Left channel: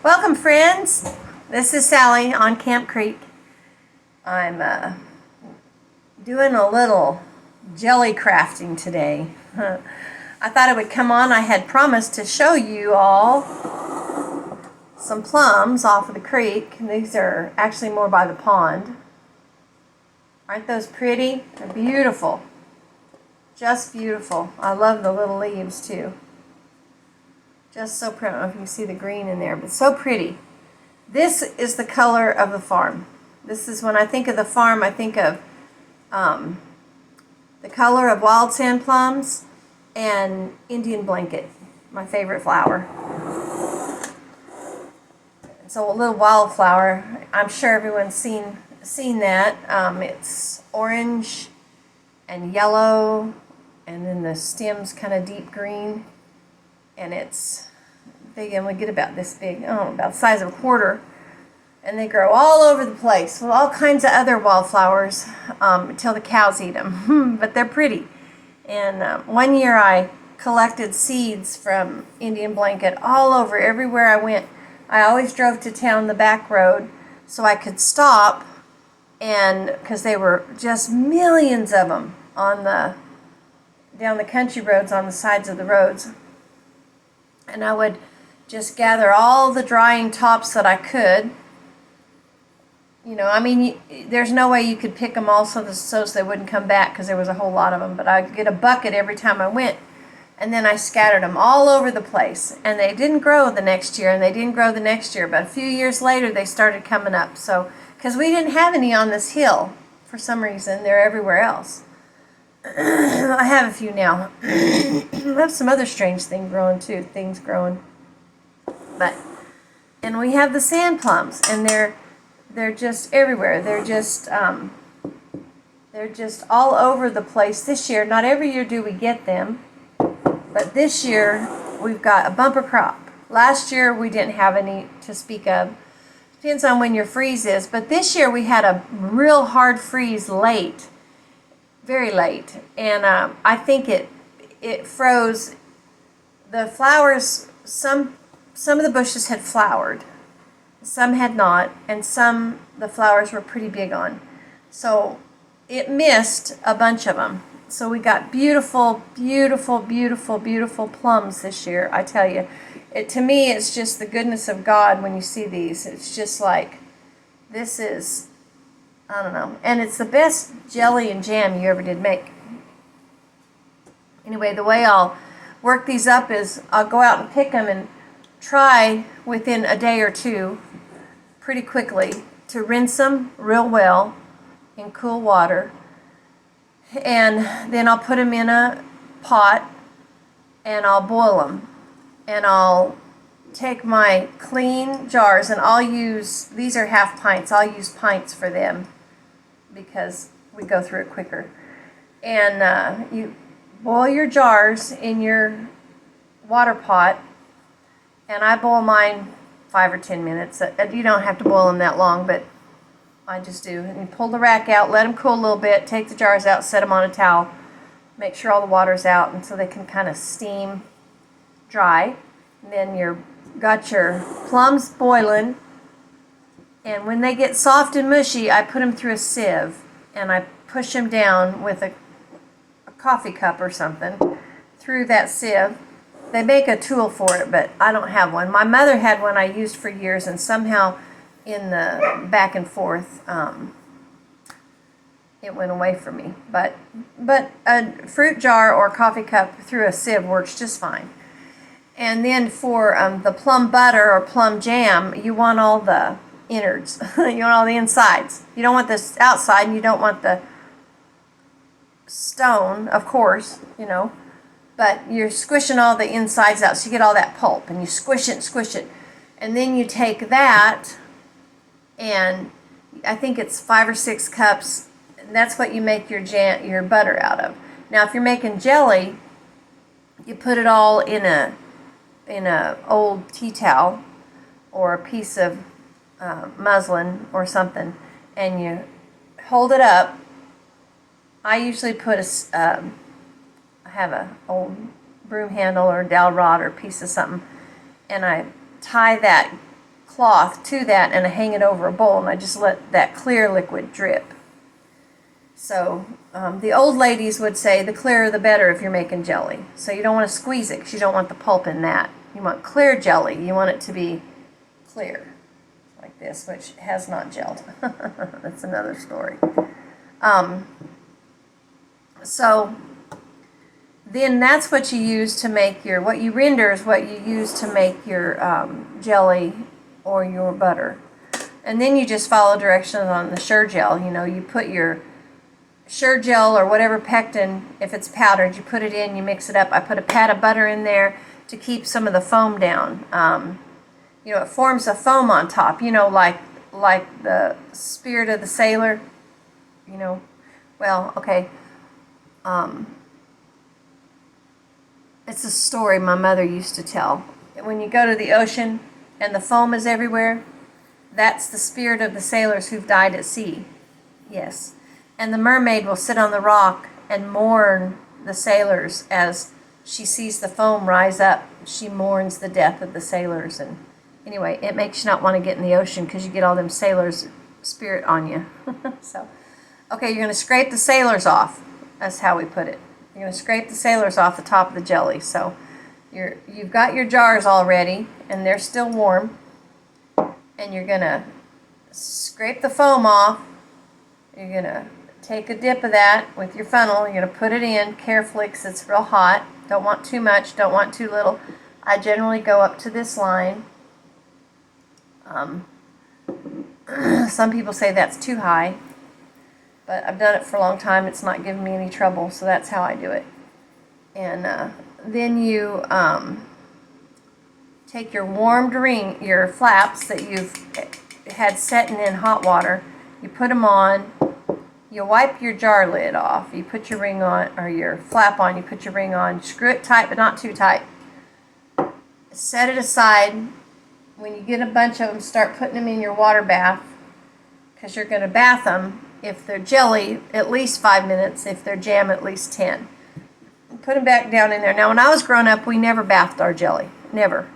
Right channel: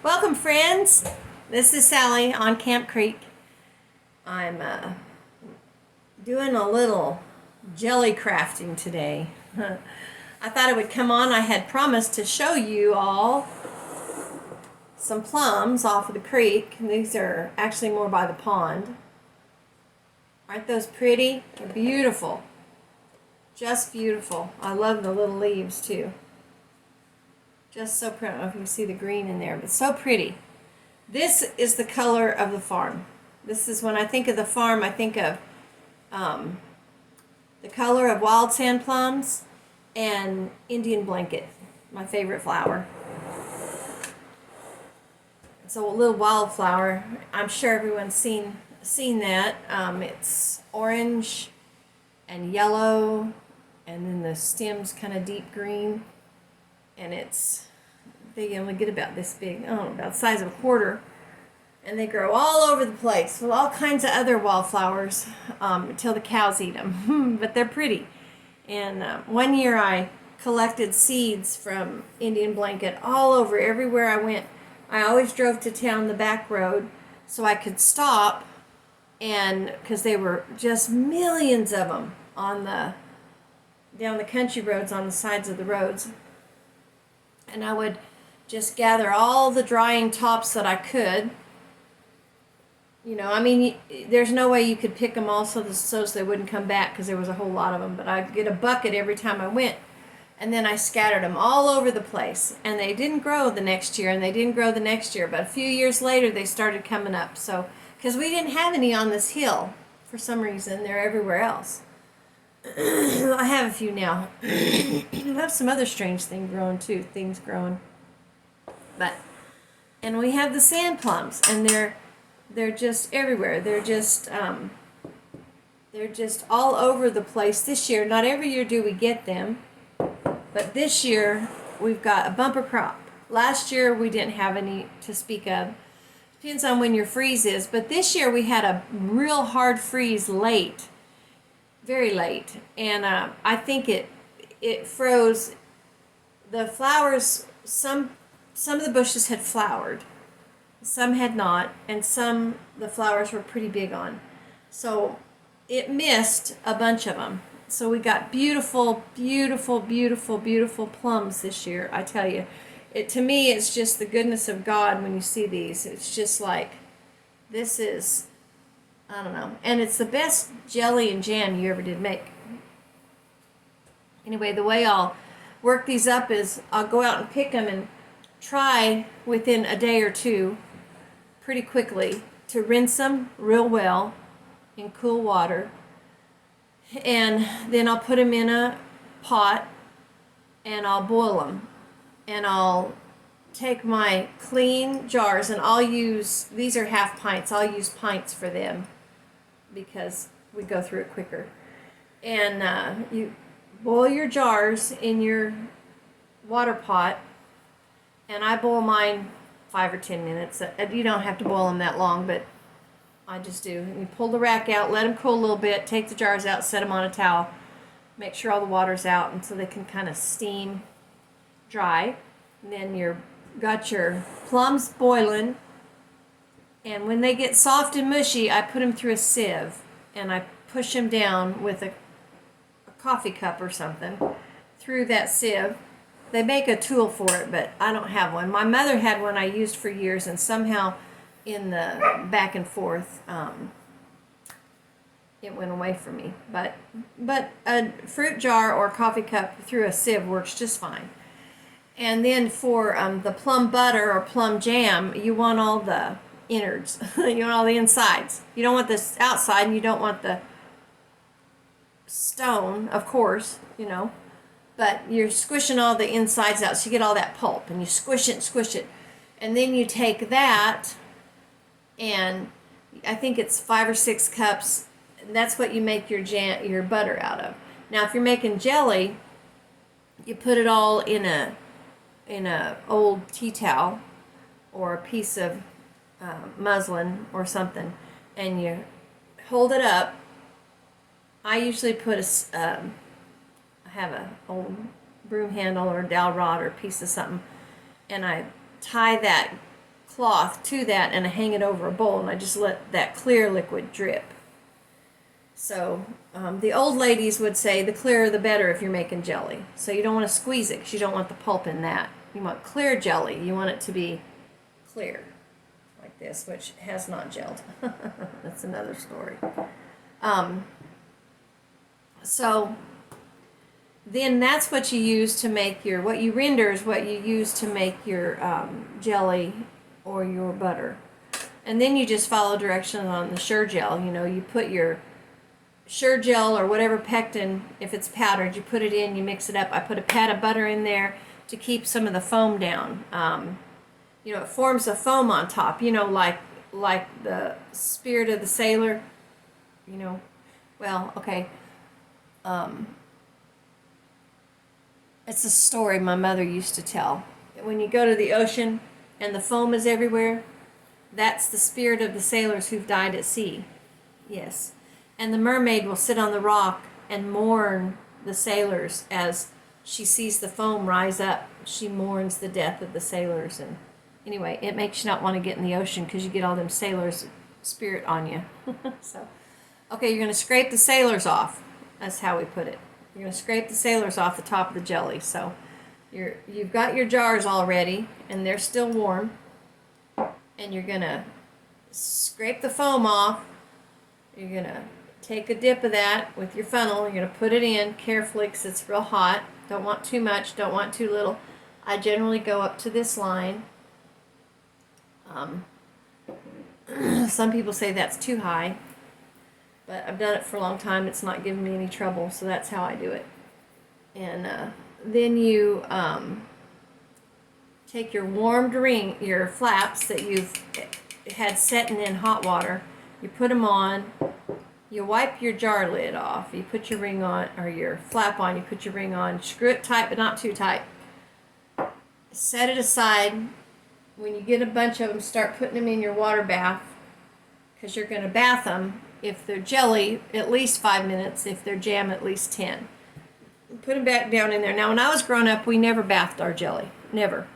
Welcome, friends. This is Sally on Camp Creek. I'm doing a little jelly crafting today. I thought it would come on. I had promised to show you all some plums off of the creek. These are actually more by the pond. Aren't those pretty? They're beautiful. Just beautiful. I love the little leaves too. Just so pretty. I don't know if you can see the green in there, but so pretty. This is the color of the farm. This is when I think of the farm, I think of the color of wild sand plums and Indian blanket, my favorite flower. So a little wildflower. I'm sure everyone's seen that. It's orange and yellow, and then the stem's kind of deep green, and they only get about this big, about the size of a quarter, and they grow all over the place with all kinds of other wildflowers until the cows eat them. But they're pretty. And one year I collected seeds from Indian blanket all over, everywhere I went. I always drove to town the back road so I could stop, and because they were just millions of them down the country roads, on the sides of the roads. And I would just gather all the drying tops that I could. There's no way you could pick them all so they wouldn't come back, because there was a whole lot of them. But I'd get a bucket every time I went, and then I scattered them all over the place. And they didn't grow the next year, and they didn't grow the next year. But a few years later, they started coming up. So, because we didn't have any on this hill for some reason, they're everywhere else. I have a few now. I have some other strange things growing. And we have the sand plums, and they're just everywhere. They're just all over the place this year. Not every year do we get them, but this year we've got a bumper crop. Last year we didn't have any to speak of. Depends on when your freeze is, but this year we had a real hard freeze late, very late, and I think it froze the flowers. Some of the bushes had flowered, some had not, and the flowers were pretty big on. So it missed a bunch of them. So we got beautiful, beautiful, beautiful, beautiful plums this year. I tell you, to me, it's just the goodness of God when you see these. It's just like, this is, I don't know. And it's the best jelly and jam you ever did make. Anyway, the way I'll work these up is I'll go out and pick them and try within a day or two, pretty quickly, to rinse them real well in cool water. And then I'll put them in a pot and I'll boil them. And I'll take my clean jars, and these are half pints. I'll use pints for them because we go through it quicker. And you boil your jars in your water pot, and I boil mine 5 or 10 minutes. You don't have to boil them that long, but I just do. And you pull the rack out, let them cool a little bit, take the jars out, set them on a towel, make sure all the water's out, and so they can kind of steam dry. And then you've got your plums boiling, and when they get soft and mushy, I put them through a sieve, and I push them down with a coffee cup or something through that sieve. They make a tool for it, but I don't have one. My mother had one I used for years, and somehow in the back and forth, it went away from me. But a fruit jar or coffee cup through a sieve works just fine. And then for the plum butter or plum jam, you want all the innards. You want all the insides. You don't want the outside, and you don't want the stone, of course, but you're squishing all the insides out, so you get all that pulp, and you squish it. And then you take that, and I think it's 5 or 6 cups. That's what you make your butter out of. Now, if you're making jelly, you put it all in a old tea towel or a piece of muslin or something, and you hold it up. I usually put I have a old broom handle or dowel rod or piece of something, and I tie that cloth to that and I hang it over a bowl and I just let that clear liquid drip. So the old ladies would say the clearer the better if you're making jelly. So you don't want to squeeze it because you don't want the pulp in that. You want clear jelly. You want it to be clear like this, which has not gelled. That's another story. So then that's what you use to make your, what you render is what you use to make your jelly or your butter. And then you just follow directions on the Sure-Gel. You know, you put your Sure-Gel or whatever pectin, if it's powdered, you put it in, you mix it up. I put a pat of butter in there to keep some of the foam down. You know, it forms a foam on top, you know, like the spirit of the sailor, you know. Well, okay. It's a story my mother used to tell. When you go to the ocean and the foam is everywhere, that's the spirit of the sailors who've died at sea. Yes. And the mermaid will sit on the rock and mourn the sailors as she sees the foam rise up. She mourns the death of the sailors. And anyway, it makes you not want to get in the ocean because you get all them sailors' spirit on you. So, okay, you're going to scrape the sailors off. That's how we put it. You're going to scrape the sailors off the top of the jelly. So you've got your jars all ready, and they're still warm. And you're going to scrape the foam off. You're going to take a dip of that with your funnel. You're going to put it in carefully because it's real hot. Don't want too much, don't want too little. I generally go up to this line. Some people say that's too high, but I've done it for a long time. It's not giving me any trouble, so that's how I do it. And then you take your warmed ring, your flaps that you've had setting in hot water. You put them on. You wipe your jar lid off. You put your ring on, or your flap on. You put your ring on. Screw it tight, but not too tight. Set it aside. When you get a bunch of them, start putting them in your water bath, because you're going to bath them. If they're jelly, at least 5 minutes. If they're jam, at least 10. Put them back down in there. Now, when I was growing up, we never bathed our jelly. Never.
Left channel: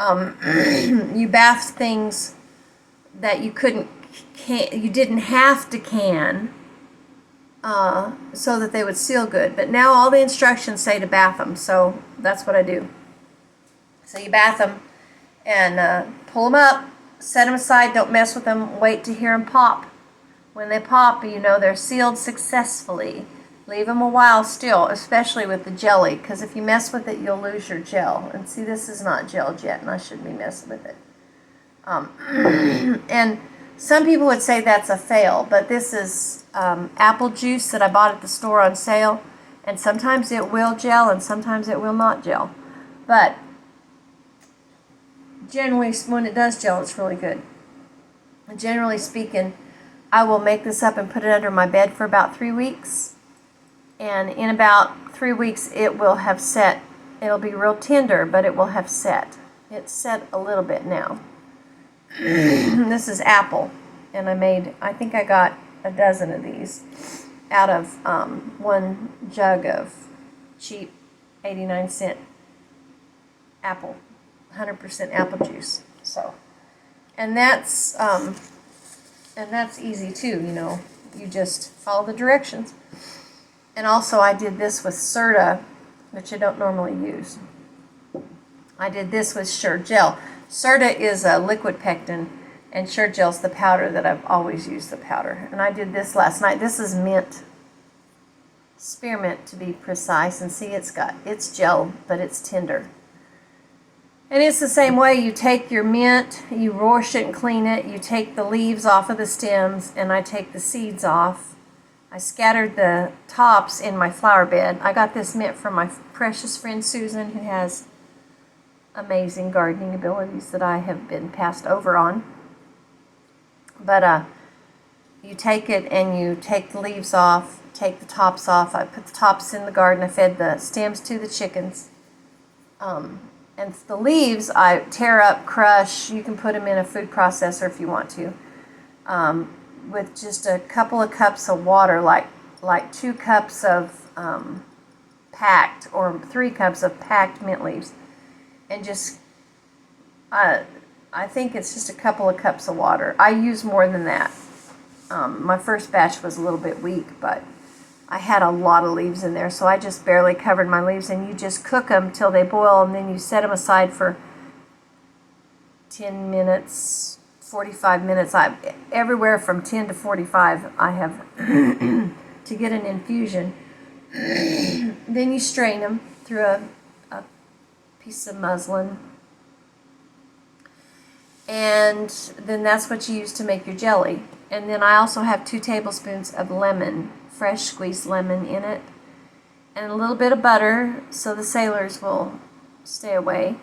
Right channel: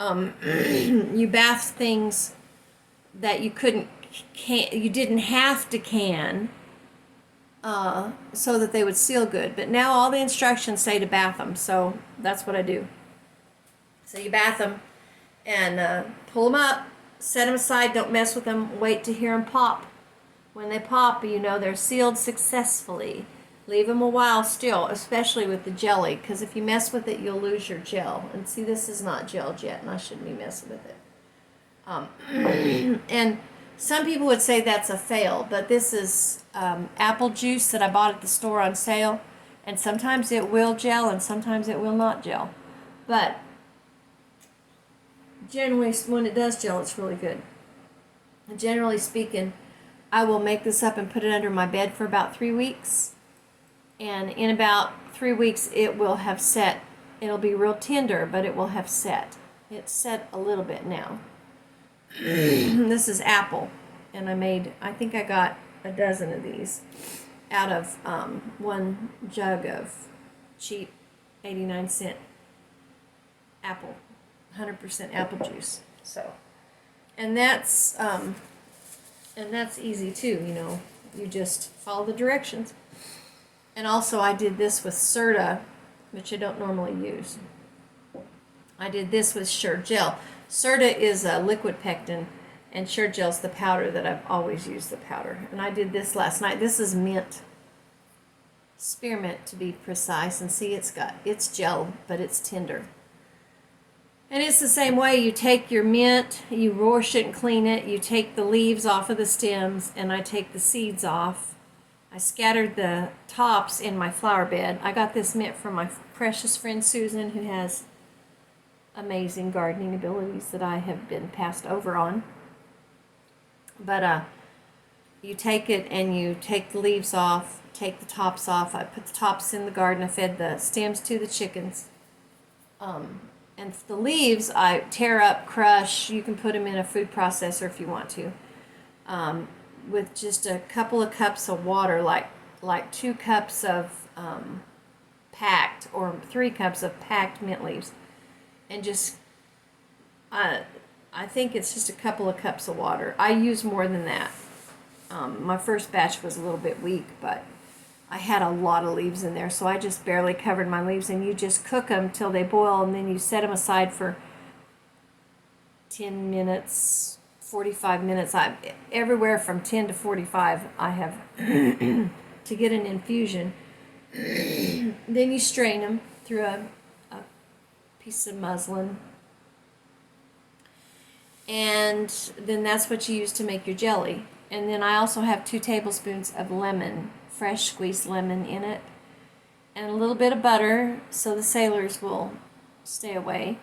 You bathed things that you you didn't have to can, so that they would seal good. But now all the instructions say to bath them, so that's what I do. So you bath them and pull them up, set them aside, don't mess with them, wait to hear them pop. When they pop, you know they're sealed successfully. Leave them a while still, especially with the jelly, because if you mess with it, you'll lose your gel. And see, this is not gelled yet, and I shouldn't be messing with it. And some people would say that's a fail, but this is apple juice that I bought at the store on sale, and sometimes it will gel and sometimes it will not gel. But generally, when it does gel, it's really good. And generally speaking, I will make this up and put it under my bed for about 3 weeks, and in about 3 weeks it will have set. It'll be real tender, but it will have set. It's set a little bit now. This is apple, and I think I got a dozen of these out of one jug of cheap 89-cent apple, 100% apple juice. So, and that's easy too, you know. You just follow the directions. And also I did this with Serta, which I don't normally use. I did this with Sure-Gel. Serta is a liquid pectin, and Sure-Gel's the powder that I've always used, the powder. And I did this last night. This is mint, spearmint to be precise. And see, it's gel, but it's tender. And it's the same way. You take your mint, you wash it and clean it. You take the leaves off of the stems, and I take the seeds off. I scattered the tops in my flower bed. I got this mint from my precious friend Susan, who has amazing gardening abilities that I have been passed over on. But you take it and you take the leaves off, take the tops off. I put the tops in the garden. I fed the stems to the chickens. And the leaves I tear up, crush. You can put them in a food processor if you want to. With just a couple of cups of water, like 2 cups of packed, or 3 cups of packed mint leaves. And just, I I think it's just a couple of cups of water. I use more than that. My first batch was a little bit weak, but I had a lot of leaves in there, so I just barely covered my leaves, and you just cook them till they boil, and then you set them aside for 10 minutes, 45 minutes. Everywhere from 10 to 45 I have to get an infusion. Then you strain them through a piece of muslin, and then that's what you use to make your jelly. And then I also have 2 tablespoons of lemon, fresh squeezed lemon in it, and a little bit of butter so the sailors will stay away.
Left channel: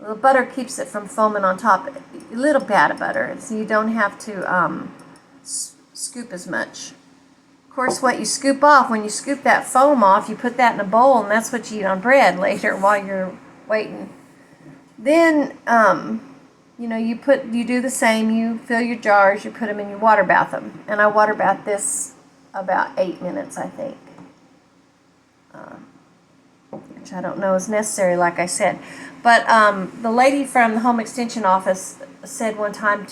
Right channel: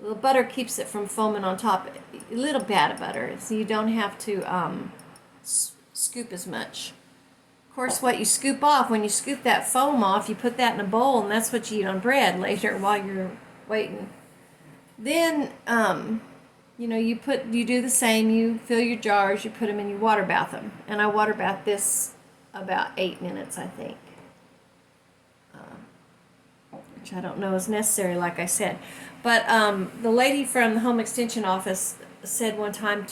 A little butter keeps it from foaming on top. A little pat of butter, so you don't have to scoop as much. Of course, what you scoop off, when you scoop that foam off, you put that in a bowl, and that's what you eat on bread later while you're waiting. Then, you do the same. You fill your jars, you put them in, you water bath them. And I water bath this about 8 minutes, I think. Which I don't know is necessary, like I said. But the lady from the home extension office said one time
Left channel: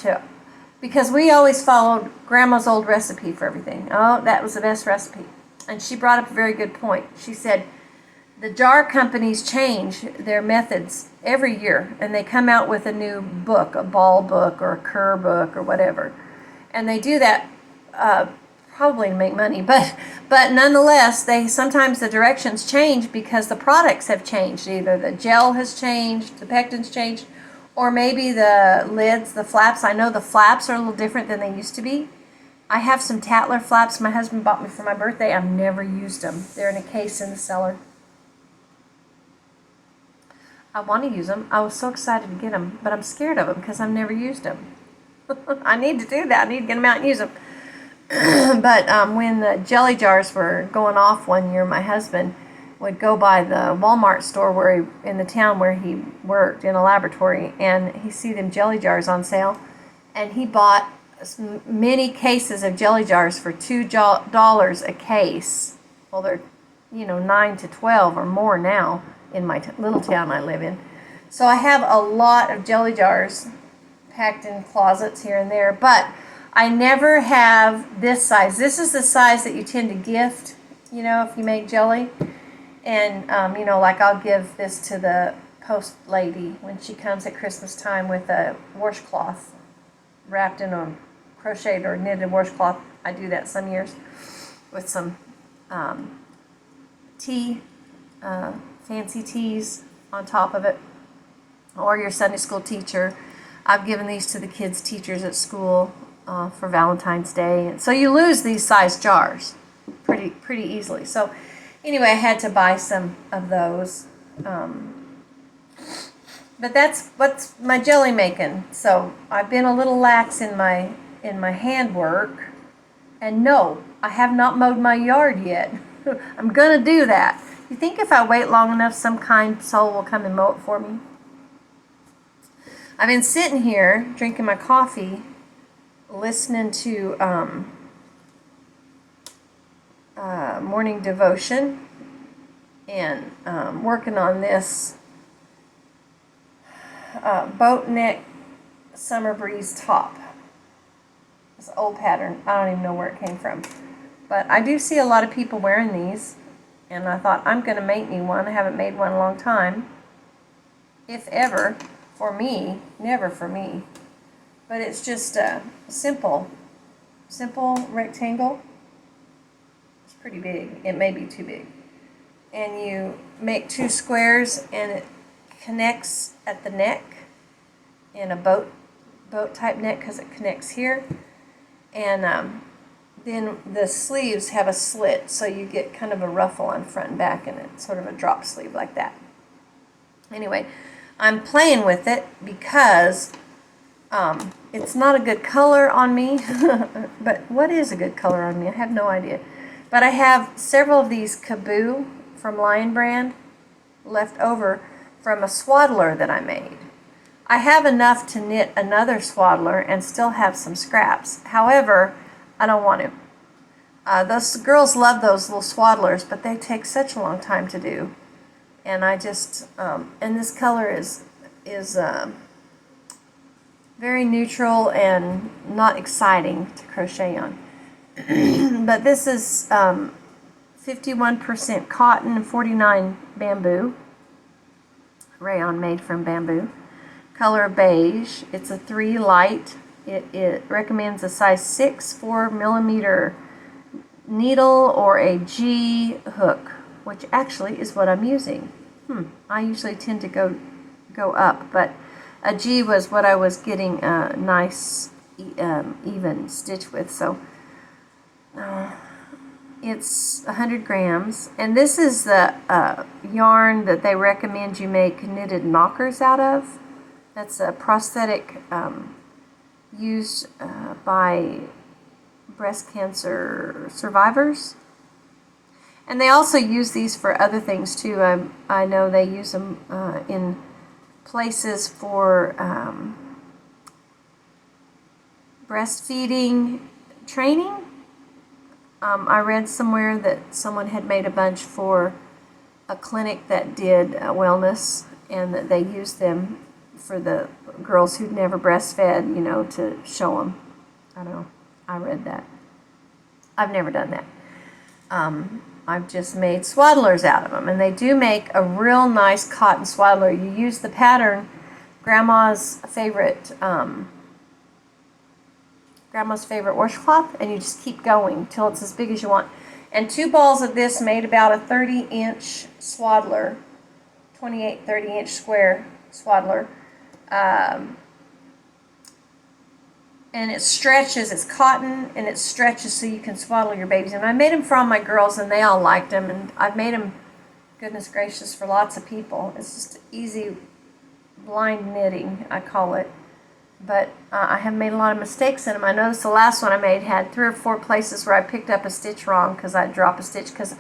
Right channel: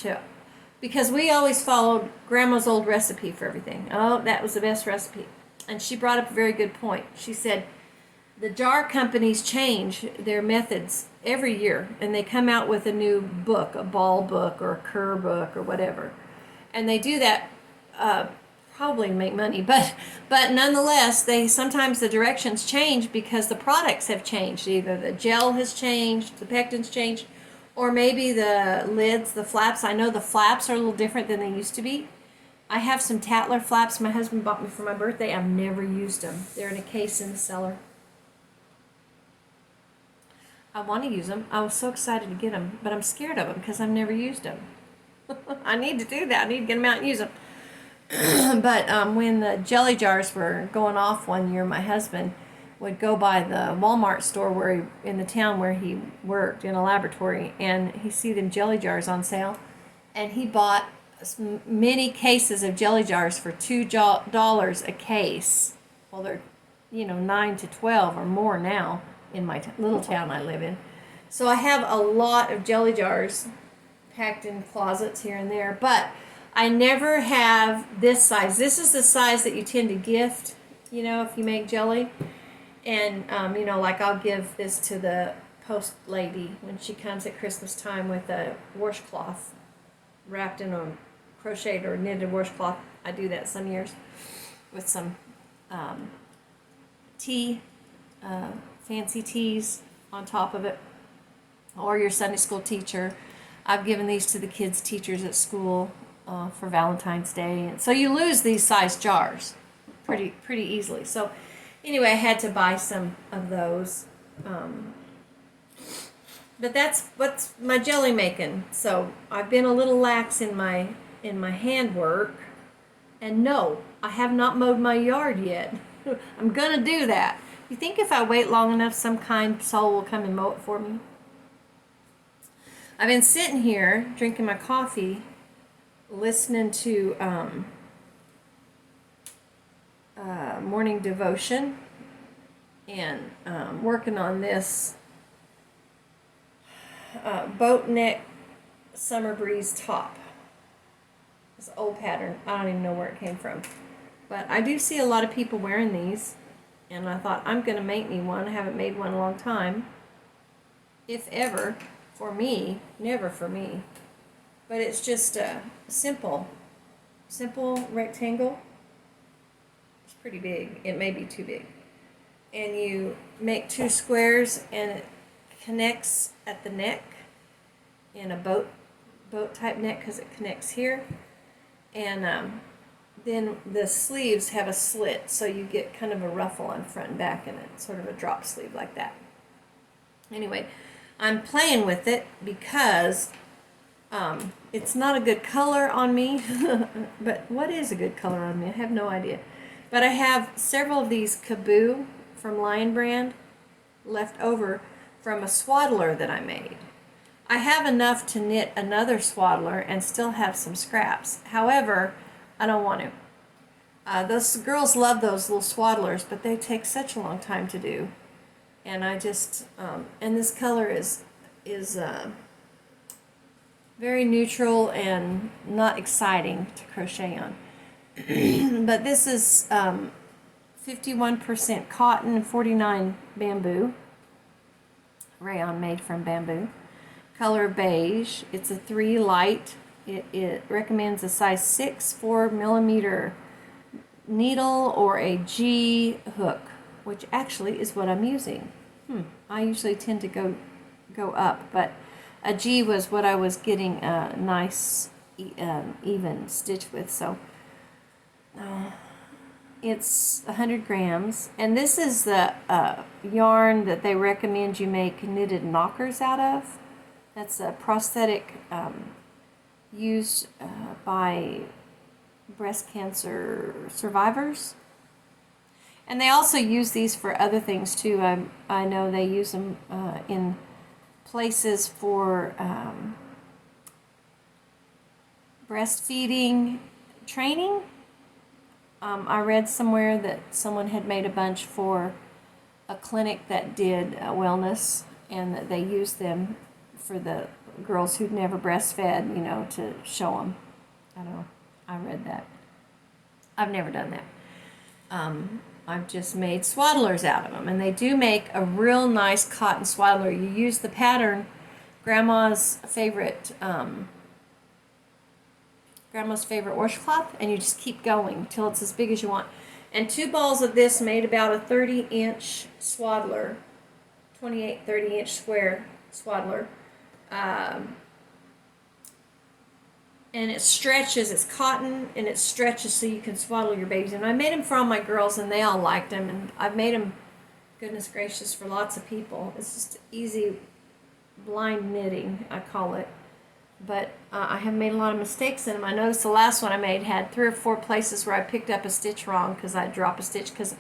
because we always followed Grandma's old recipe for everything. Oh, that was the best recipe. And she brought up a very good point. She said, the jar companies change their methods every year, and they come out with a new book, a ball book or a Kerr book or whatever. And they do that probably to make money, but nonetheless, sometimes the directions change because the products have changed. Either the gel has changed, the pectin's changed, or maybe the lids, the flaps. I know the flaps are a little different than they used to be. I have some Tatler flaps my husband bought me for my birthday. I've never used them. They're in a case in the cellar. I want to use them. I was so excited to get them, but I'm scared of them because I've never used them. I need to do that. I need to get them out and use them. But when the jelly jars were going off one year, my husband would go by the Walmart store in the town where he worked in a laboratory, and he see them jelly jars on sale, and he bought many cases of jelly jars for $2 a case. Well, they're 9 to 12 or more now in my little town I live in. So I have a lot of jelly jars packed in closets here and there, but I never have this size. This is the size that you tend to gift, if you make jelly. And, like I'll give this to the post lady when she comes at Christmas time with a washcloth wrapped in a crocheted or knitted washcloth. I do that some years with some fancy teas on top of it, or your Sunday school teacher. I've given these to the kids' teachers at school for Valentine's Day, and so you lose these size jars pretty easily. So anyway, I had to buy some of those, but that's what's my jelly making. So I've been a little lax in my handwork, and no, I have not mowed my yard yet. I'm gonna do that. You think if I wait long enough, some kind soul will come and mow it for me? I've been sitting here drinking my coffee, listening to morning devotion, and working on this boat neck summer breeze top. This old pattern. I don't even know where it came from, but I do see a lot of people wearing these, and I thought I'm going to make me one. I haven't made one in a long time, if ever. For me, never for me. But it's just a simple rectangle. It's pretty big. It may be too big. And you make 2 squares, and it connects at the neck in a boat type neck because it connects here. And then the sleeves have a slit, so you get kind of a ruffle on front and back, and it's sort of a drop sleeve like that. Anyway, I'm playing with it because it's not a good color on me. But what is a good color on me? I have no idea. But I have several of these Kaboo from Lion Brand left over from a swaddler that I made. I have enough to knit another swaddler and still have some scraps. However, I don't want to. Those girls love those little swaddlers, but they take such a long time to do. And I just, and this color is very neutral and not exciting to crochet on. But this is 51% cotton and 49 bamboo. Rayon made from bamboo. Color beige. It's a 3 light. It recommends a size 6 4mm needle or a G hook, which actually is what I'm using. I usually tend to go up, but a G was what I was getting a nice even stitch with. So it's 100 grams, and this is the yarn that they recommend you make knitted knockers out of. That's a prosthetic used by breast cancer survivors. And they also use these for other things too. I know they use them in places for breastfeeding training. I read somewhere that someone had made a bunch for a clinic that did wellness, and that they used them for the girls who'd never breastfed, to show them. I don't know. I read that. I've never done that. I've just made swaddlers out of them, and they do make a real nice cotton swaddler. You use the pattern, Grandma's favorite washcloth, and you just keep going till it's as big as you want. And 2 balls of this made about a 30-inch swaddler, 28 30-inch square swaddler. And it stretches, it's cotton, and it stretches so you can swaddle your babies. And I made them for all my girls, and they all liked them. And I've made them, goodness gracious, for lots of people. It's just easy blind knitting, I call it. But I have made a lot of mistakes in them. I noticed the last one I made had 3 or 4 places where I picked up a stitch wrong because I'd drop a stitch because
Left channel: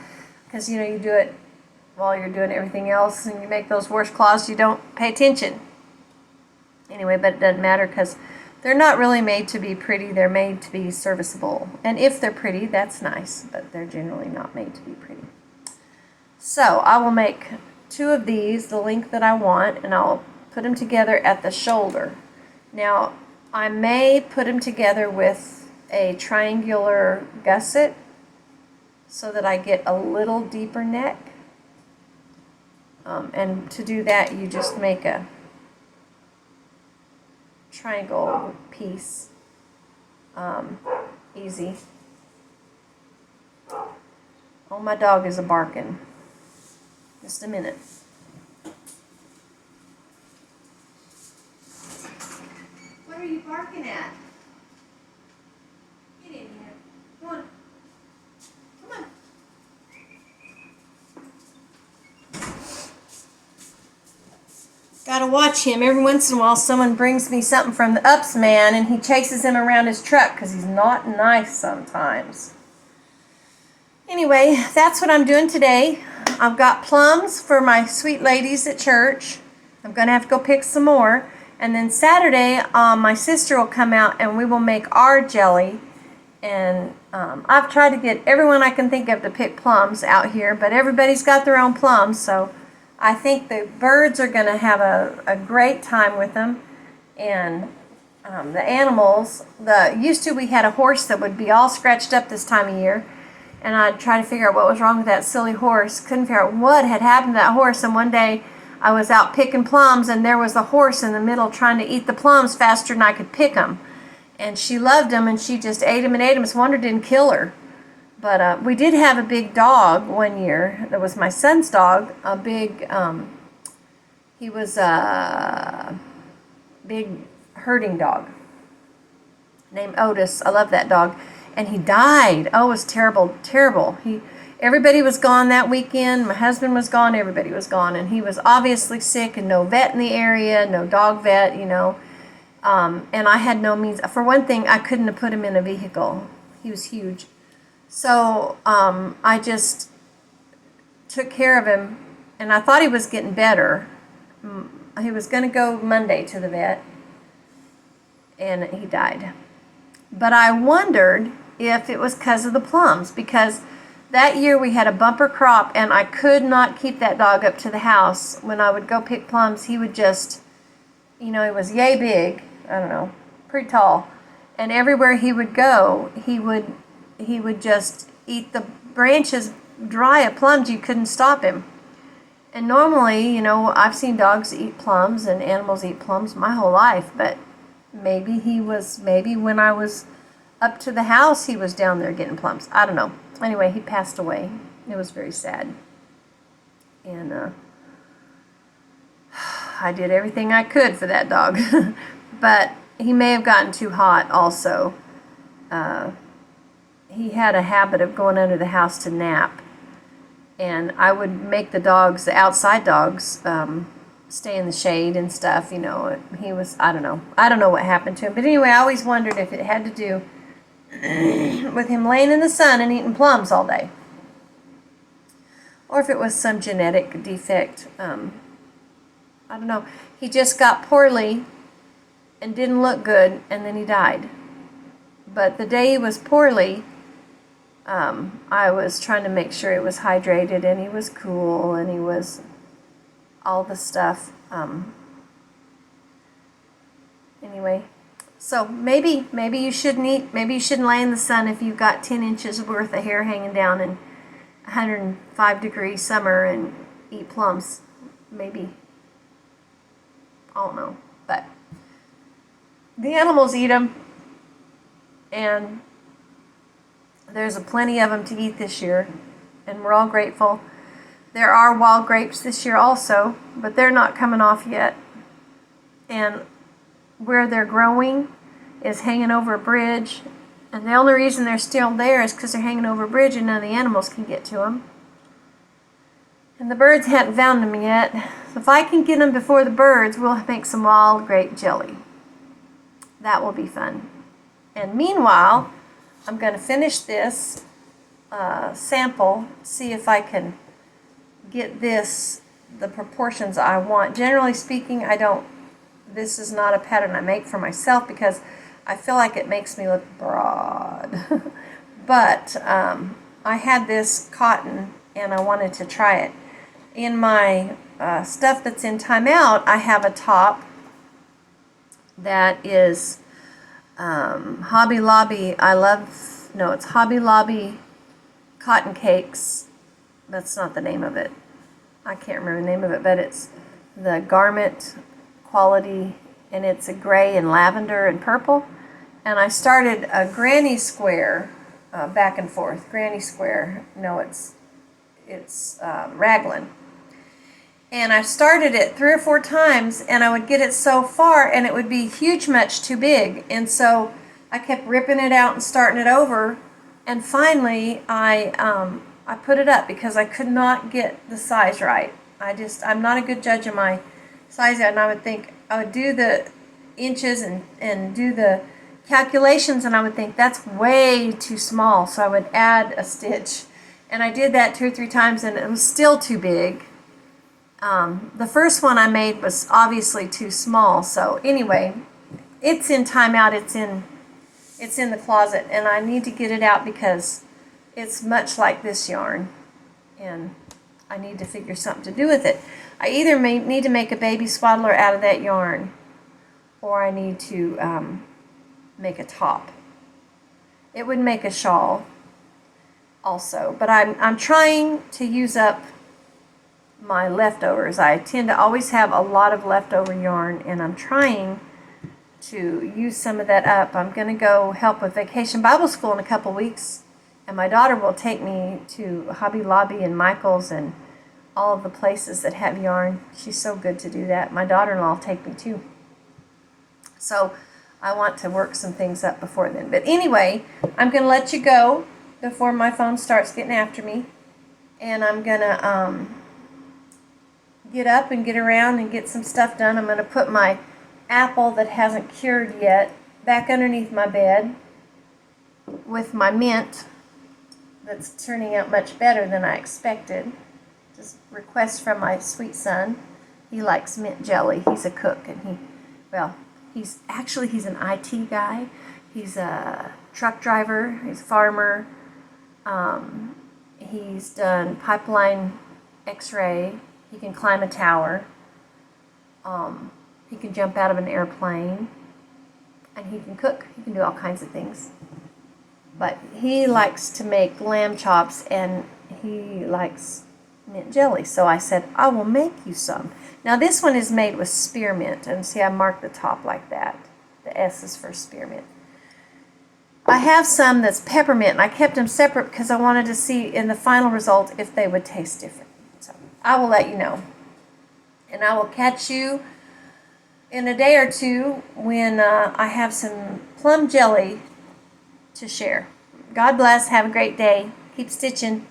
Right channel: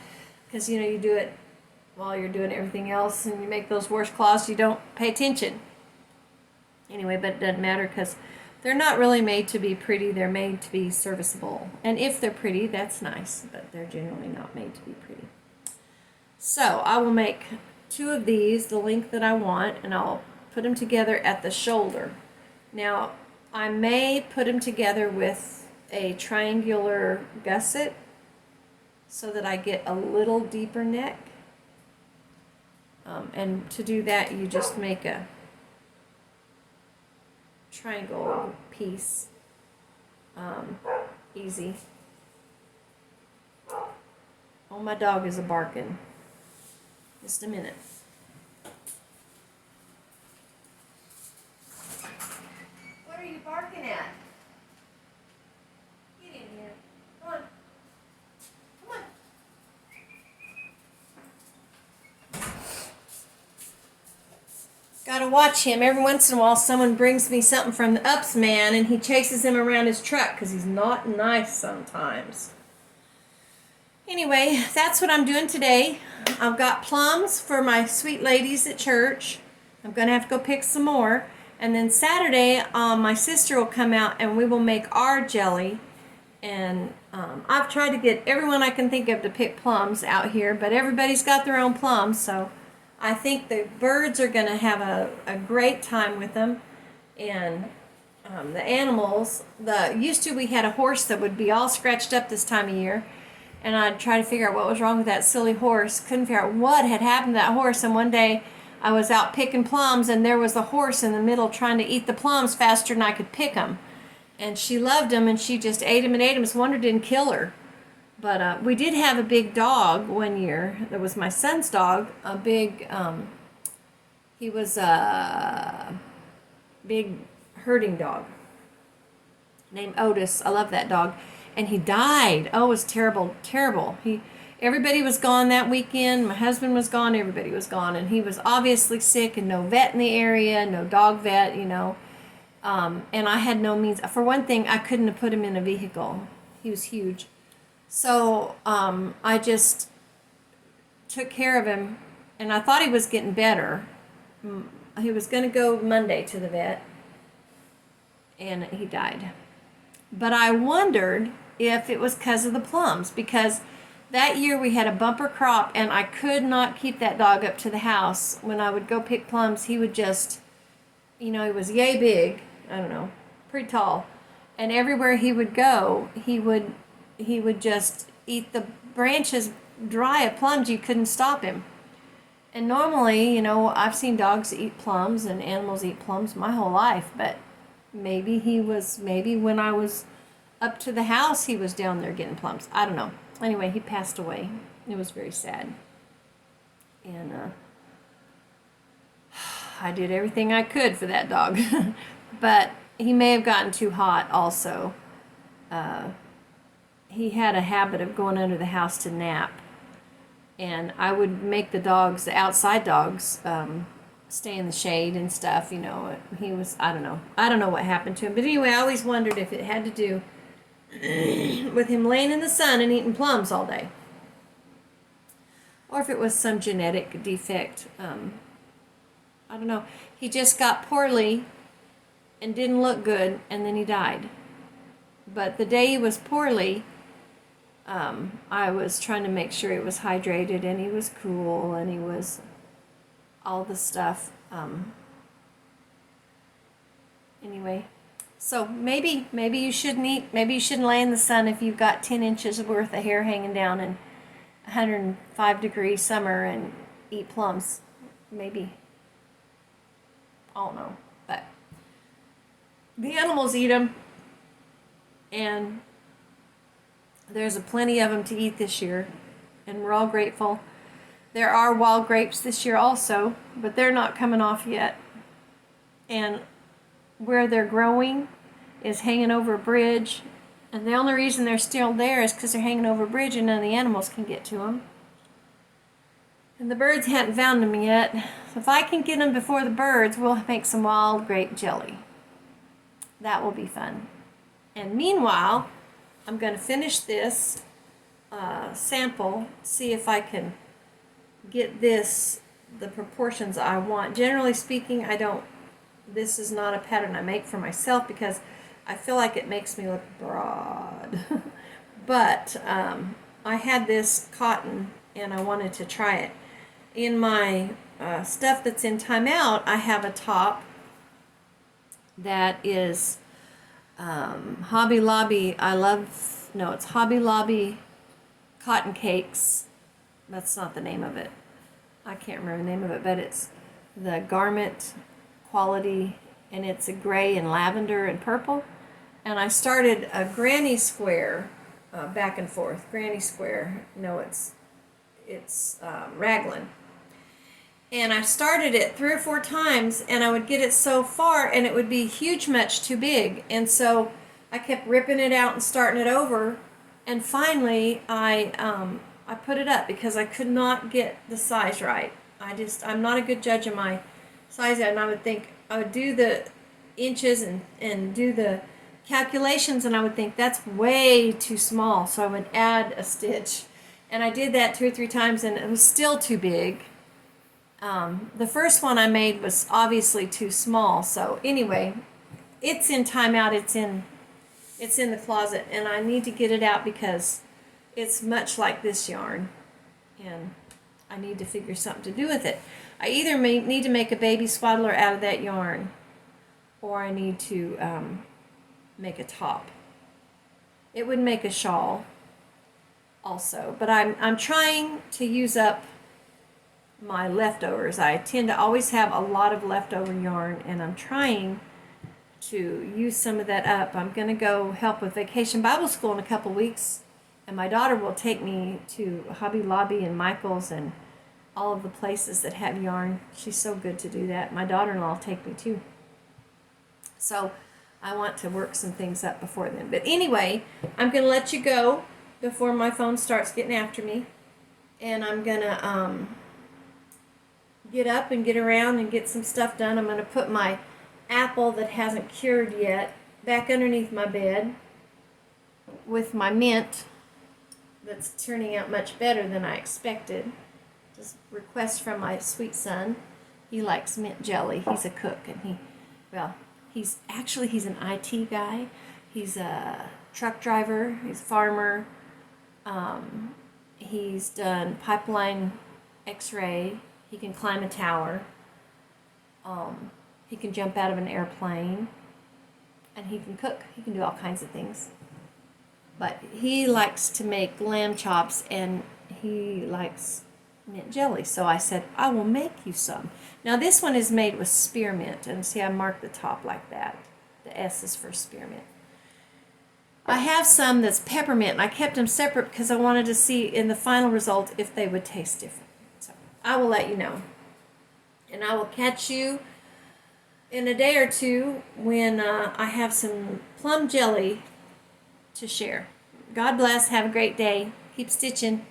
you do it while you're doing everything else, and you make those washcloths, you don't pay attention. Anyway, but it doesn't matter because they're not really made to be pretty. They're made to be serviceable. And if they're pretty, that's nice, but they're generally not made to be pretty. So I will make 2 of these, the length that I want, and I'll put them together at the shoulder. Now, I may put them together with a triangular gusset so that I get a little deeper neck. And to do that, you just make a triangle piece. Easy. Oh, my dog is barking. Just a minute. What are you barking at? Get in here. Come on. Come on. Gotta watch him. Every once in a while someone brings me something from the Ups man and he chases him around his truck because he's not nice sometimes. Anyway, that's what I'm doing today. I've got plums for my sweet ladies at church. I'm going to have to go pick some more. And then Saturday, my sister will come out and we will make our jelly. And I've tried to get everyone I can think of to pick plums out here, but everybody's got their own plums, so I think the birds are going to have a great time with them. And the animals, used to we had a horse that would be all scratched up this time of year. And I'd try to figure out what was wrong with that silly horse. Couldn't figure out what had happened to that horse. And one day I was out picking plums and there was a horse in the middle trying to eat the plums faster than I could pick them. And she loved them and she just ate them and ate them. It's a wonder it didn't kill her. But we did have a big dog one year. That was my son's dog. A big, he was a big herding dog named Otis. I love that dog. And he died. Oh, it was terrible, terrible. Everybody was gone that weekend. My husband was gone. Everybody was gone. And he was obviously sick and no vet in the area, no dog vet, you know. And I had no means. For one thing, I couldn't have put him in a vehicle. He was huge. So I just took care of him. And I thought he was getting better. He was going to go Monday to the vet. And he died. But I wondered if it was because of the plums, because that year we had a bumper crop and I could not keep that dog up to the house. When I would go pick plums, he would just, he was yay big. I don't know, pretty tall. And everywhere he would go, he would just eat the branches dry of plums. You couldn't stop him. And normally, you know, I've seen dogs eat plums and animals eat plums my whole life, but maybe when I was up to the house, he was down there getting plums. I don't know. Anyway, he passed away. It was very sad. And I did everything I could for that dog. But he may have gotten too hot also. He had a habit of going under the house to nap. And I would make the outside dogs, stay in the shade and stuff, you know. He was, I don't know what happened to him. But anyway, I always wondered if it had to do with him laying in the sun and eating plums all day. Or if it was some genetic defect. I don't know. He just got poorly and didn't look good, and then he died. But the day he was poorly, I was trying to make sure it was hydrated and he was cool and he was all the stuff. Anyway, so maybe you shouldn't eat. Maybe you shouldn't lay in the sun if you've got 10 inches worth of hair hanging down in 105-degree summer and eat plums. Maybe. I don't know, but the animals eat them, and there's plenty of them to eat this year, and we're all grateful. There are wild grapes this year also, but they're not coming off yet. And where they're growing is hanging over a bridge, and the only reason they're still there is because they're hanging over a bridge and none of the animals can get to them. And the birds hadn't found them yet. So if I can get them before the birds, we'll make some wild grape jelly. That will be fun. And meanwhile, I'm going to finish this sample, see if I can get the proportions I want. Generally speaking, this is not a pattern I make for myself because I feel like it makes me look broad. But I had this cotton and I wanted to try it. In my stuff that's in timeout, I have a top that is Hobby Lobby. It's Hobby Lobby Cotton Cakes. That's not the name of it. I can't remember the name of it, but it's the garment quality, and it's a gray and lavender and purple. And I started a granny square back and forth. Granny square. No, it's raglan. And I started it 3 or 4 times, and I would get it so far, and it would be huge much too big. And so I kept ripping it out and starting it over. And finally, I put it up because I could not get the size right. I'm not a good judge of my size, and I would do the inches and do the calculations, and I would think that's way too small. So I would add a stitch. And I did that 2 or 3 times, and it was still too big. The first one I made was obviously too small. So anyway, it's in timeout. It's in the closet, and I need to get it out because it's much like this yarn, and I need to figure something to do with it. I either need to make a baby swaddler out of that yarn, or I need to make a top. It would make a shawl also, but I'm trying to use up my leftovers. I tend to always have a lot of leftover yarn, and I'm trying to use some of that up. I'm going to go help with Vacation Bible School in a couple weeks, and my daughter will take me to Hobby Lobby and Michael's and all of the places that have yarn. She's so good to do that. My daughter-in-law will take me too. So I want to work some things up before then. But anyway, I'm going to let you go before my phone starts getting after me, and I'm going to get up and get around and get some stuff done. I'm going to put my apple that hasn't cured yet back underneath my bed with my mint that's turning out much better than I expected. Just request from my sweet son. He likes mint jelly. He's a cook, and he's an IT guy. He's a truck driver. He's a farmer. He's done pipeline x-ray. He can climb a tower. He can jump out of an airplane. and he can cook. He can do all kinds of things. But he likes to make lamb chops, and he likes mint jelly. So I said, I will make you some. Now this one is made with spearmint, and see, I marked the top like that. The S is for spearmint. I have some that's peppermint, and I kept them separate because I wanted to see in the final result if they would taste different. So I will let you know. And I will catch you in a day or two when I have some plum jelly to share. God bless. Have a great day. Keep stitching.